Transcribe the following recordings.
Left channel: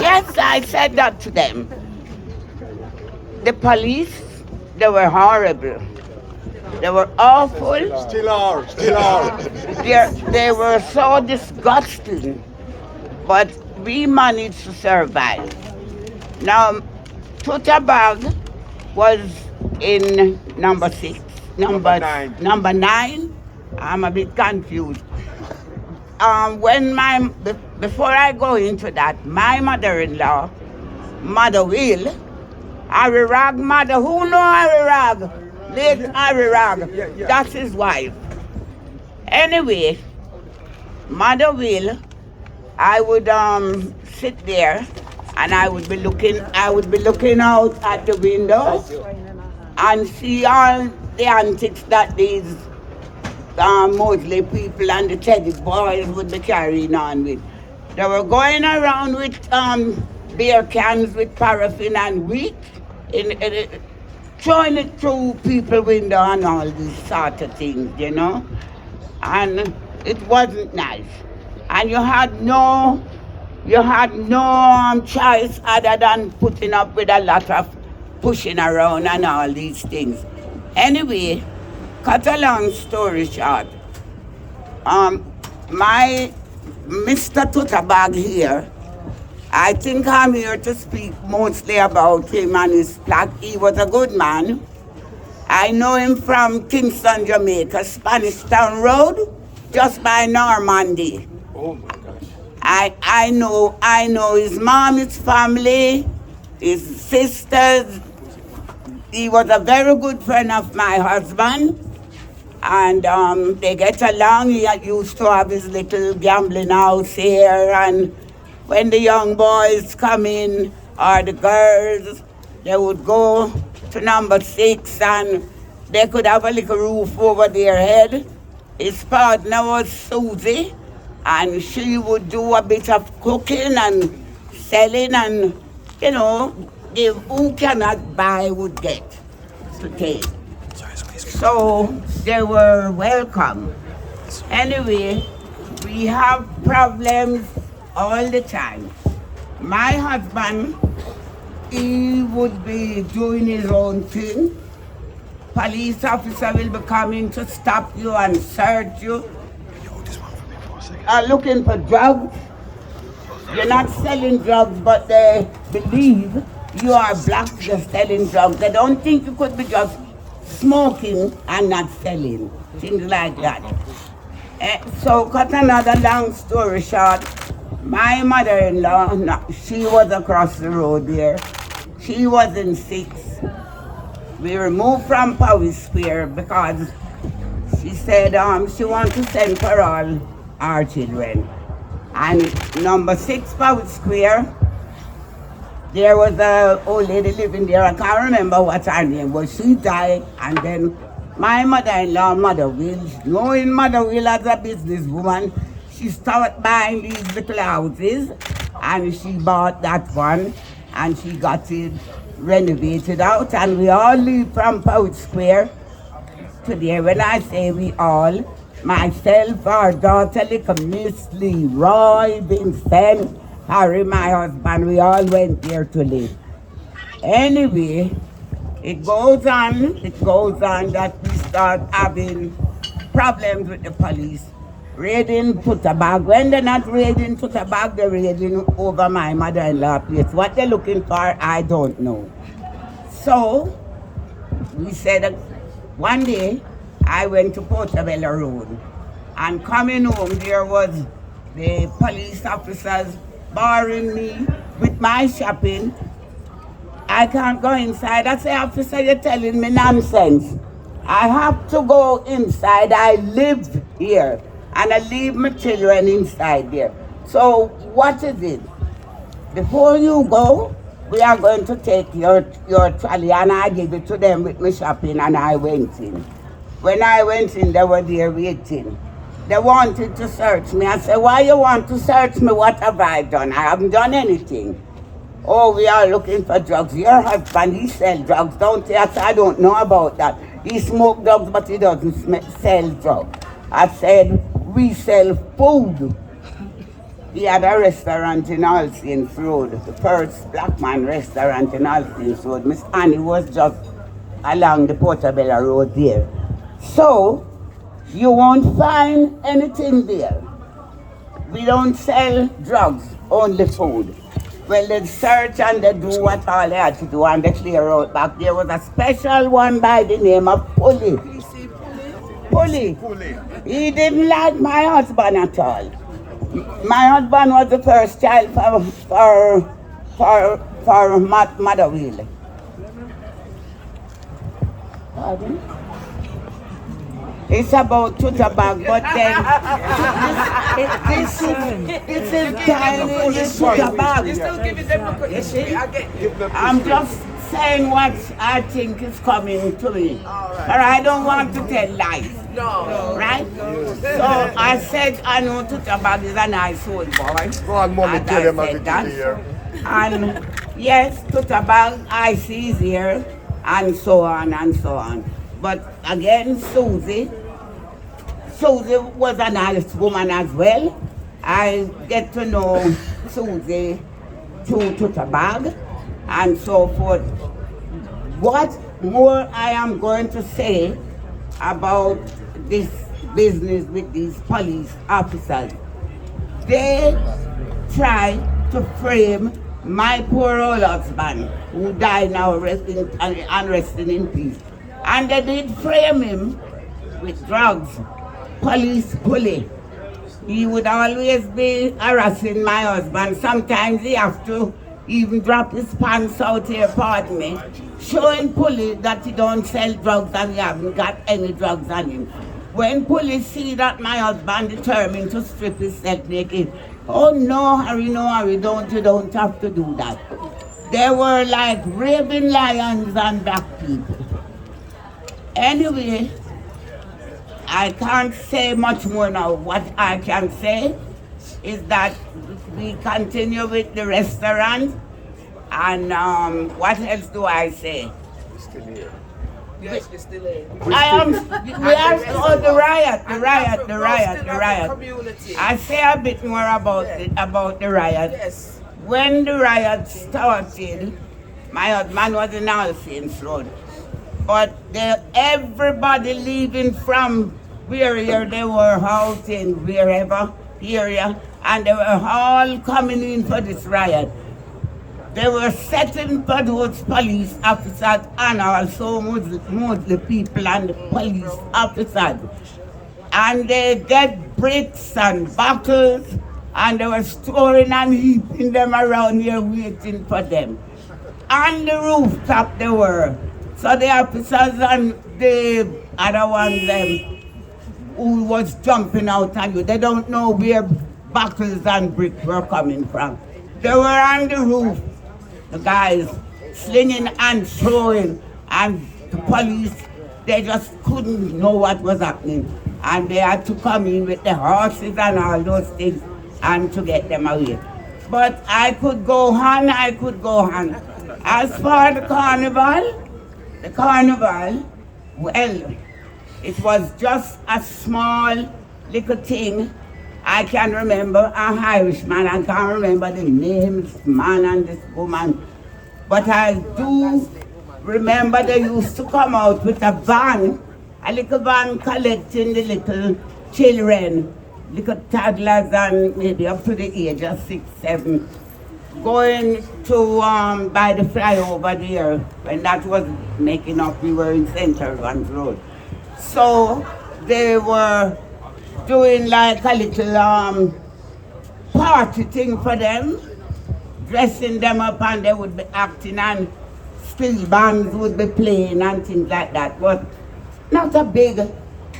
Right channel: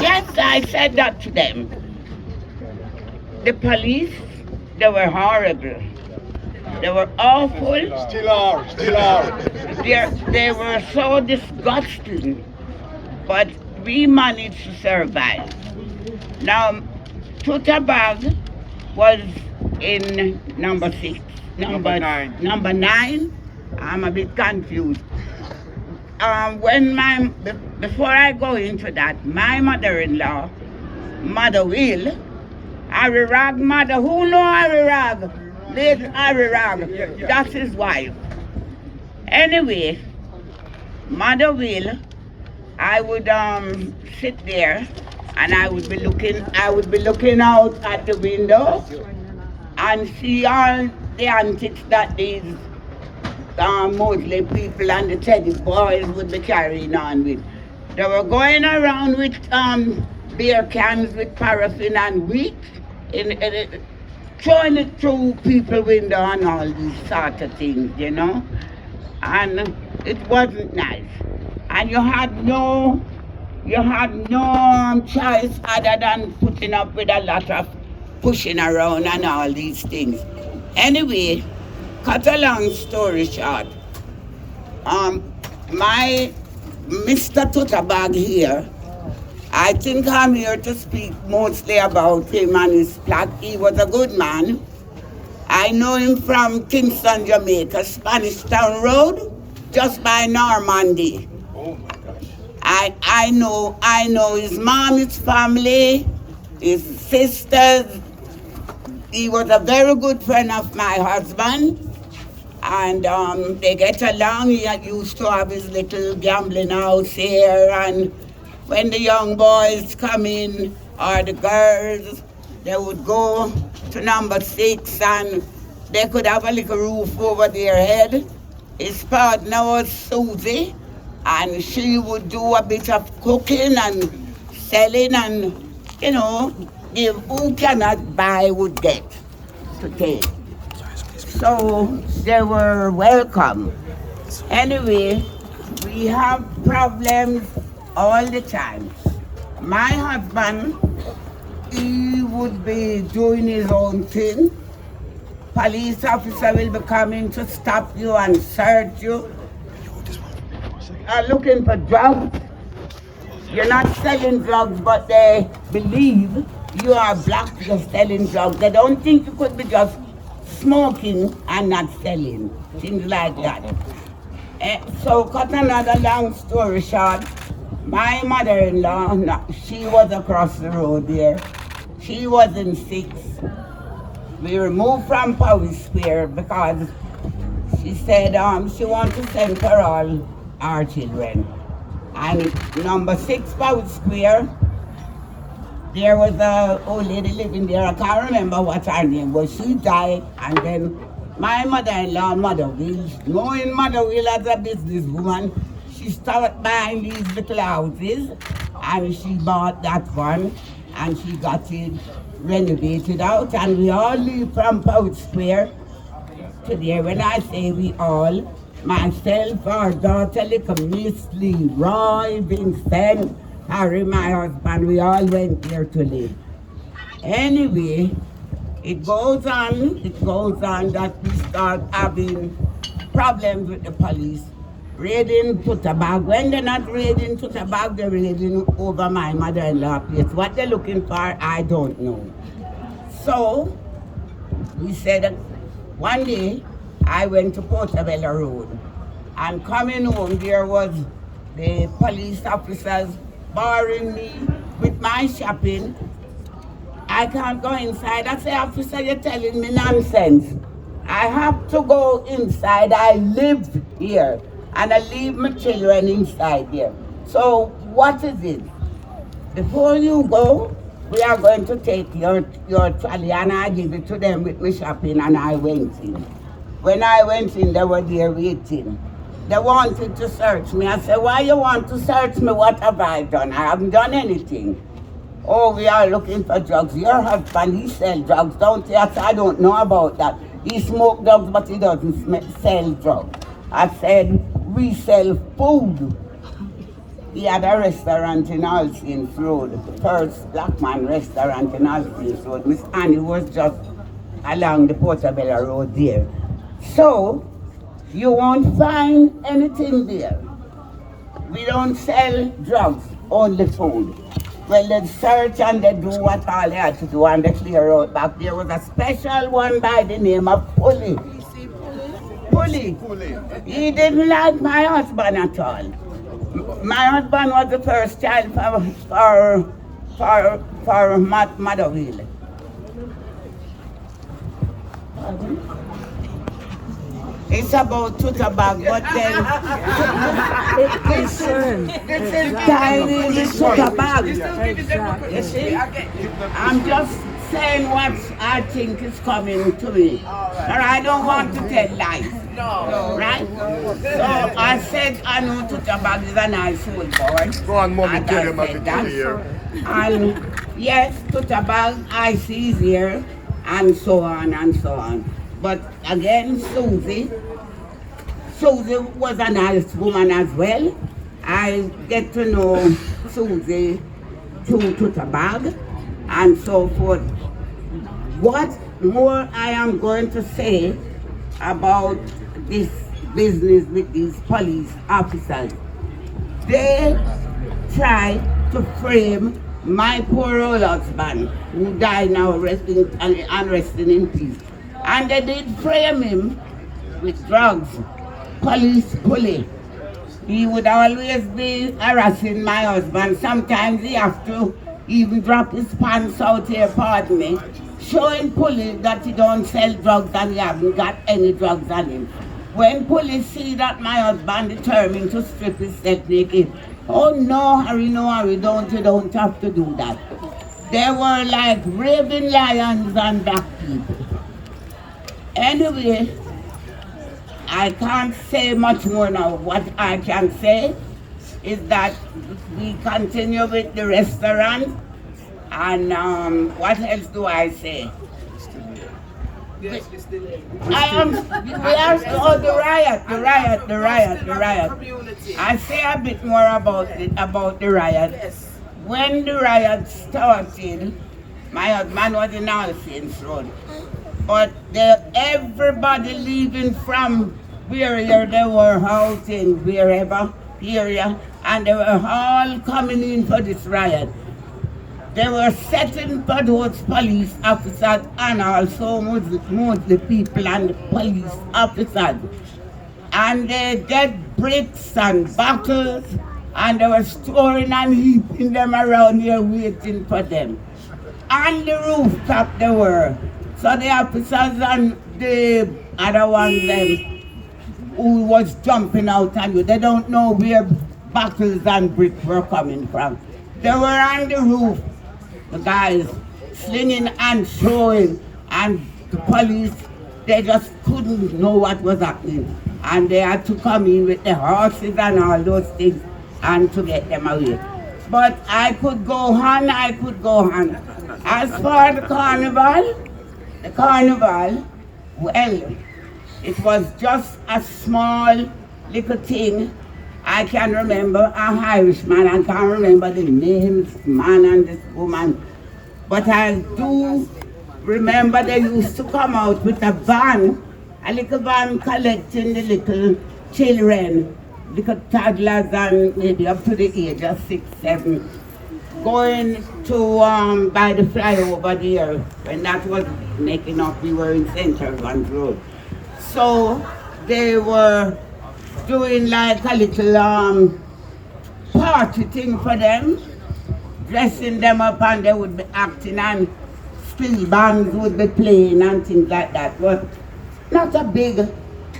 Yes, I said that to them. The police, they were horrible. They were awful. Still are, still are. They were so disgusting. But we managed to survive. Now, Tutabag was in number 6. Number 9. Number 9? I'm a bit confused. Before I go into that, my mother-in-law, Mother Will, Harry Rag mother, who know Harry Rag? Late Harry Rag, that's his wife. Anyway, Mother Will, I would sit there and I would be looking out at the window and see all the antics that these mostly people and the teddy boys would be carrying on with. They were going around with beer cans with paraffin and wheat, throwing it through people's window and all these sort of things, you know. And it wasn't nice. And you had no choice other than putting up with a lot of pushing around and all these things. Anyway, cut a long story short, my Mr. Tutabag here, I think I'm here to speak mostly about him and his plaque. He was a good man. I know him from Kingston, Jamaica, Spanish Town Road, just by Normandy. Oh my gosh. I know his mom, his family, his sisters. He was a very good friend of my husband. And they get along. He used to have his little gambling house here. And when the young boys come in, or the girls, they would go to number 6 and they could have a little roof over their head. His partner was Susie, and she would do a bit of cooking and selling and, you know, give who cannot buy would get to take. So they were welcome. Anyway, we have problems all the time. My husband, he would be doing his own thing. Police officer will be coming to stop you and search you. Are looking for drugs. You're not selling drugs, but they believe you are black, you're selling drugs. They don't think you could be just smoking and not selling, things like that. So cut another long story short, my mother-in-law, she was across the road there. She was in 6. We removed from Powys Square because she said she wants to send for all our children. And number 6 Powys Square, there was an old lady living there. I can't remember what her name was. She died, and then my mother-in-law, Mother Will, knowing Mother Will as a businesswoman, she started buying these little houses, and she bought that one, and she got it renovated out, and we all live from Powys Square to there. When I say we all, myself, our daughter, little Miss Lee, Roy, Vincent, Harry, my husband, we all went there to live. Anyway, it goes on that we start having problems with the police. Raiding Tutabag. When they're not raiding Tutabag, they're raiding over my mother-in-law place. What they're looking for, I don't know. So, we said one day, I went to Portabella Road. And coming home, there was the police officers barring me with my shopping. I can't go inside. I say, officer, you're telling me nonsense. I have to go inside. I lived here. And I leave my children inside there. So what is it? Before you go, we are going to take your trolley, and I give it to them with my shopping, and I went in. When I went in, they were there waiting. They wanted to search me. I said, why you want to search me? What have I done? I haven't done anything. Oh, we are looking for drugs. Your husband, he sells drugs, don't he? I said, I don't know about that. He smokes drugs, but he doesn't sell drugs. I said, we sell food. He had a restaurant in Alcine's Road, the first black man restaurant in Alcine's Road. Miss Annie was just along the Portobello Road there. So, you won't find anything there. We don't sell drugs, only food. Well, they search and they do what all they had to do and they clear out back. There was a special one by the name of Pulley. Pulley. He didn't like my husband at all. My husband was the first child for Mother Will. It's about Tutterbag, but then this is tiny Tutterbag. You see? I'm just saying what I think is coming to me. But I don't want to tell lies. No. Right? So I said I know Tutterbag is a nice old boy. Go on, Mommy, and tell I them said I'm that. here. And yes, Tutterbag, Ici is here, and so on and so on. But again, Susie was a nice woman as well. I get to know Susie through Tutterbag and so forth. What more I am going to say about this business with these police officers? They try to frame my poor old husband, who died now resting in peace. And they did frame him with drugs. Police bully. He would always be harassing my husband. Sometimes he have to even drop his pants out here, pardon me, showing police that he don't sell drugs and he haven't got any drugs on him. When police see that my husband determined to strip himself naked, oh no, Harry, you don't have to do that. They were like raving lions and black people. Anyway, I can't say much more now. What I can say is that we continue with the restaurant, and what else do I say? Yes, we still here. The riot. Community. I say a bit more about the riot. Yes. When the riot started, my husband was in Alcine's Road. But everybody leaving from wherever they were out in wherever area, and they were all coming in for this riot. They were setting for those police officers and also mostly people and the police officers. And they get bricks and bottles, and they were storing and heaping them around here waiting for them. On the rooftop they were. So the officers and the other ones who was jumping out on you, they don't know where bottles and bricks were coming from. They were on the roof, the guys slinging and throwing, and the police, they just couldn't know what was happening. And they had to come in with the horses and all those things and to get them away. But I could go on. As for the carnival, well, it was just a small little thing. I can remember an Irishman, I can't remember the names, man and this woman. But I do remember they used to come out with a van, a little van collecting the little children, little toddlers and maybe up to the age of 6, 7, going to by the flyover there. When that was making up, we were in St. John's Road. So they were doing like a little party thing for them, dressing them up, and they would be acting and steel bands would be playing and things like that. But not a big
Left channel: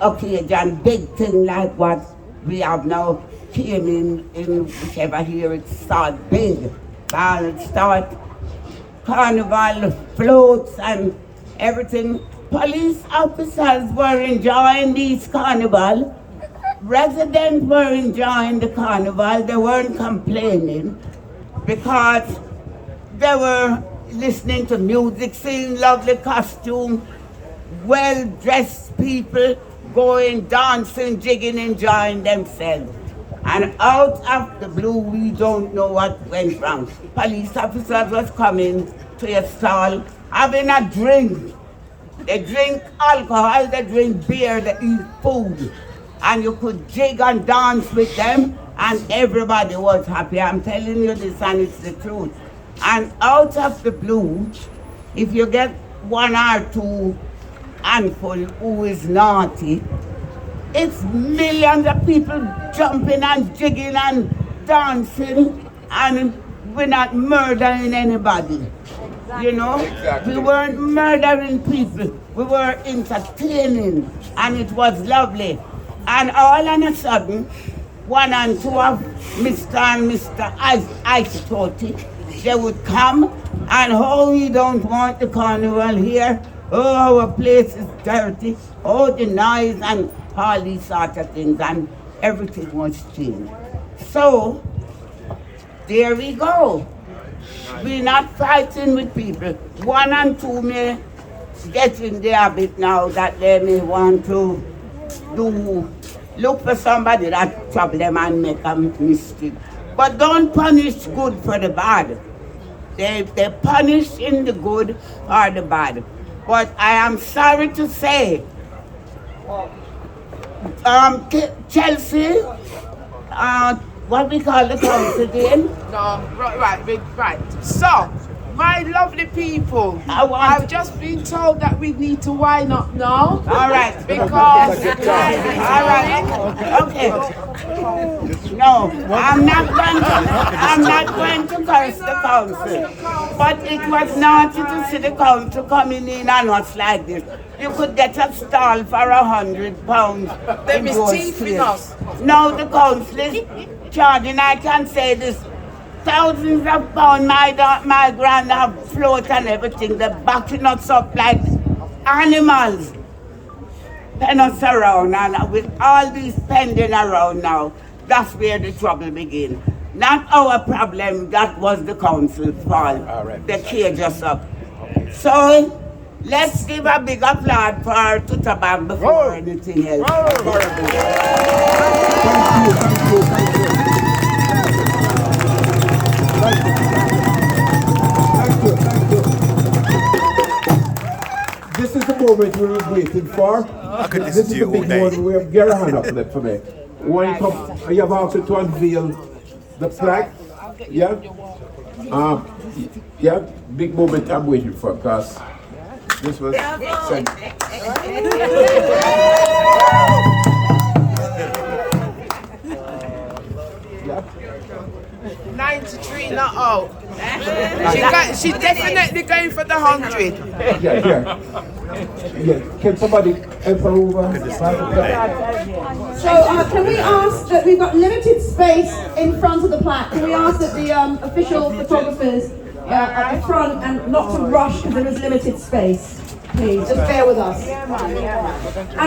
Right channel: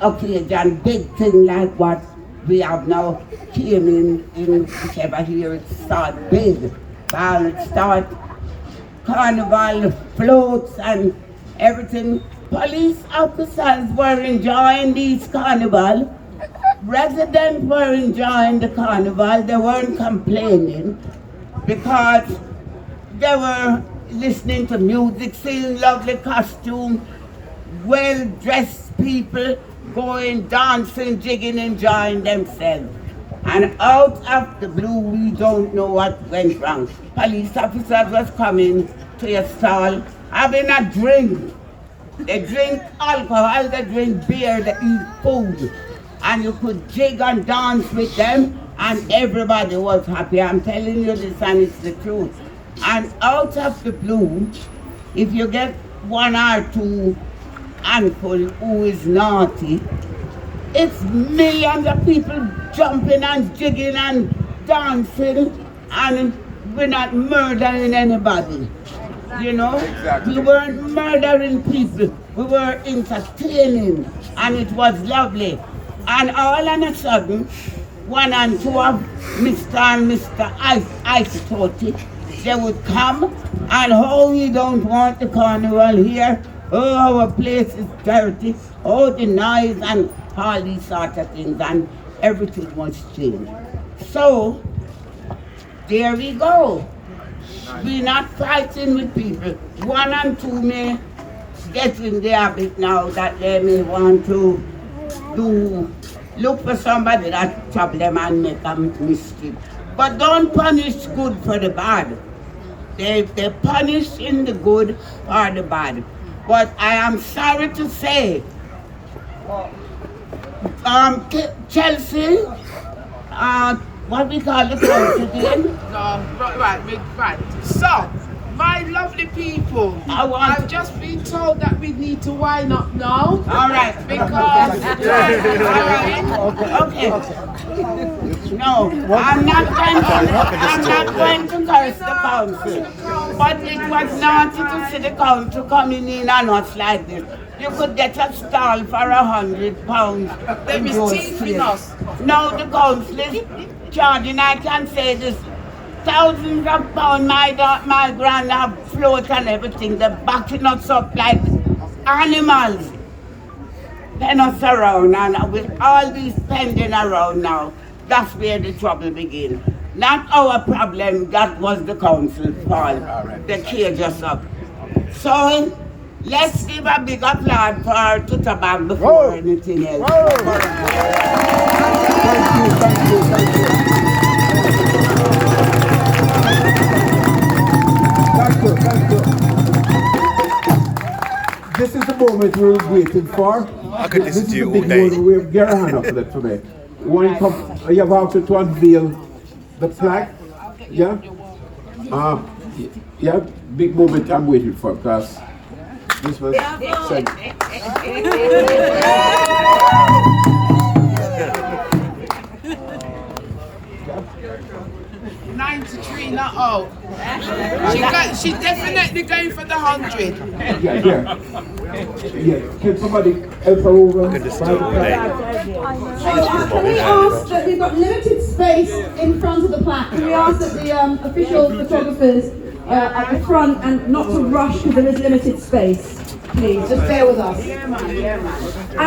occasion, big thing like what we have now came in whichever year it starts big. And it starts carnival, floats and everything. Police officers were enjoying these carnival. Residents were enjoying the carnival. They weren't complaining because they were listening to music, seeing lovely costume, well-dressed people going, dancing, jigging, enjoying themselves. And out of the blue, we don't know what went wrong. Police officers was coming to your stall, having a drink. They drink alcohol, they drink beer, they eat food. And you could jig and dance with them, and everybody was happy. I'm telling you this, and it's the truth. And out of the blue, if you get one or two handful who is naughty, it's millions of people jumping and jigging and dancing, and we're not murdering anybody. You know, we weren't murdering people, we were entertaining, and it was lovely. And all of a sudden, one and two of Mr. and Mr. Ice Toti, they would come, and oh, we don't want the carnival here, oh, our place is dirty, oh, the noise, and all these sort of things, and everything was changed. So, there we go. We're not fighting with people. One and two may get in the habit now that they may want to look for somebody that trouble them and make a mistake. But don't punish good for the bad. They punish in the good or the bad. But I am sorry to say, Chelsea, what we call the council again? Right. So, my lovely people, I've just been told that we need to wind up now. All right. Because... All right. Okay. No, I'm not going to curse the council. But it was naughty to see the council coming in and us like this. You could get a stall for £100. They mischieving us. Now the council is charging, I can say this, thousands of pounds. My grand have float and everything. They're backing us up like animals. Pen us around, and with all these pending around now, that's where the trouble begins. Not our problem, that was the council's fault. They caged us up. So, let's give a big applause for Tutabag before anything else. Thank you. This is the moment we were waiting for. This is the big one. We have Gary hand up for me. When you come, you have also to unveil the plaque. Yeah? Yeah, big moment I'm waiting for, because this was sent. 93 not out. She definitely going for the 100. Yeah. Can somebody help her over? So can we ask that we've got limited space in front of the plaque? Can we ask that the official photographers at the front and not to rush because there is limited space? Please, just bear with us. And